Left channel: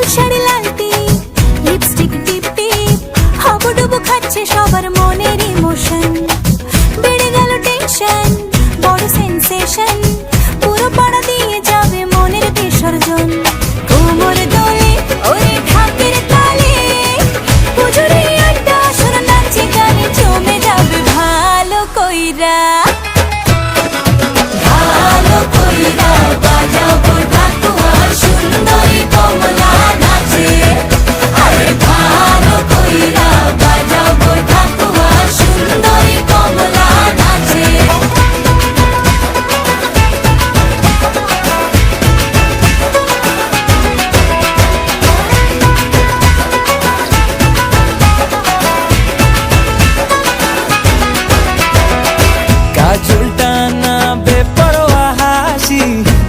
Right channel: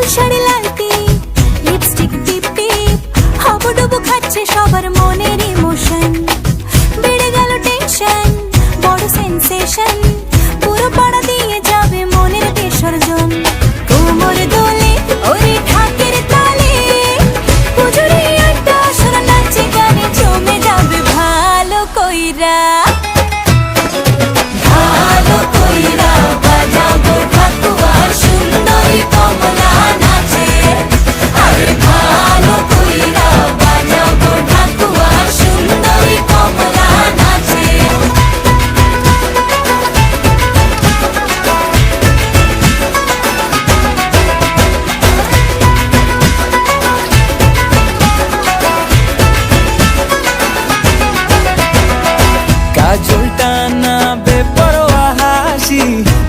লাল শাড়ি লাল টিপ, lipstick টিপ টিপ, হাবুডুবু খাচ্ছে সবার মনের ইমোশন। বেড়ে গেল টেনশন, বড় সেন্সেশন, পুরো পাড়া দিয়ে যাবে মনের বিসর্জন। কোমর দোলে ওরে ঢাকের তালে, পুজোরে আড্ডা সুর নাচে গানে জমে যাবে ভালো কইরা। ভালো কইরা বাজাও গো ঢাকুয়া, সুন্দরী কমলা নাচে। আরে ভালো কইরা বাজাও গো ঢাকুয়া, সুন্দরী কমলা নাচে। কাজলটা না বেপরোয়া হাসি,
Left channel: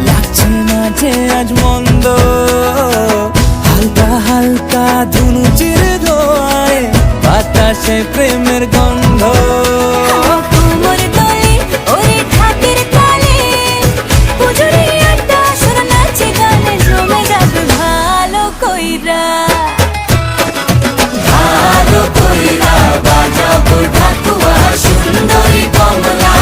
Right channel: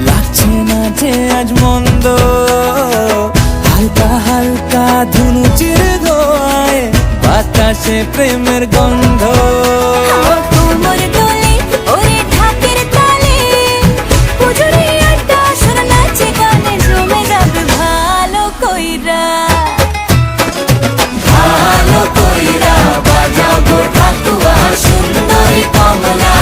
লাগছে না যে আজ মন্দ। হালকা হালকা ধুনুচির ধোঁয়ায় বাতাসে প্রেমের গন্ধ। কোমর দোলে ওরে ঢাকের তালে, পুজোরে আড্ডা সুর নাচে গানে জমে যাবে ভালো কইরা। ভালো কইরা বাজাও গো ঢাকুয়া, সুন্দরী কমলা।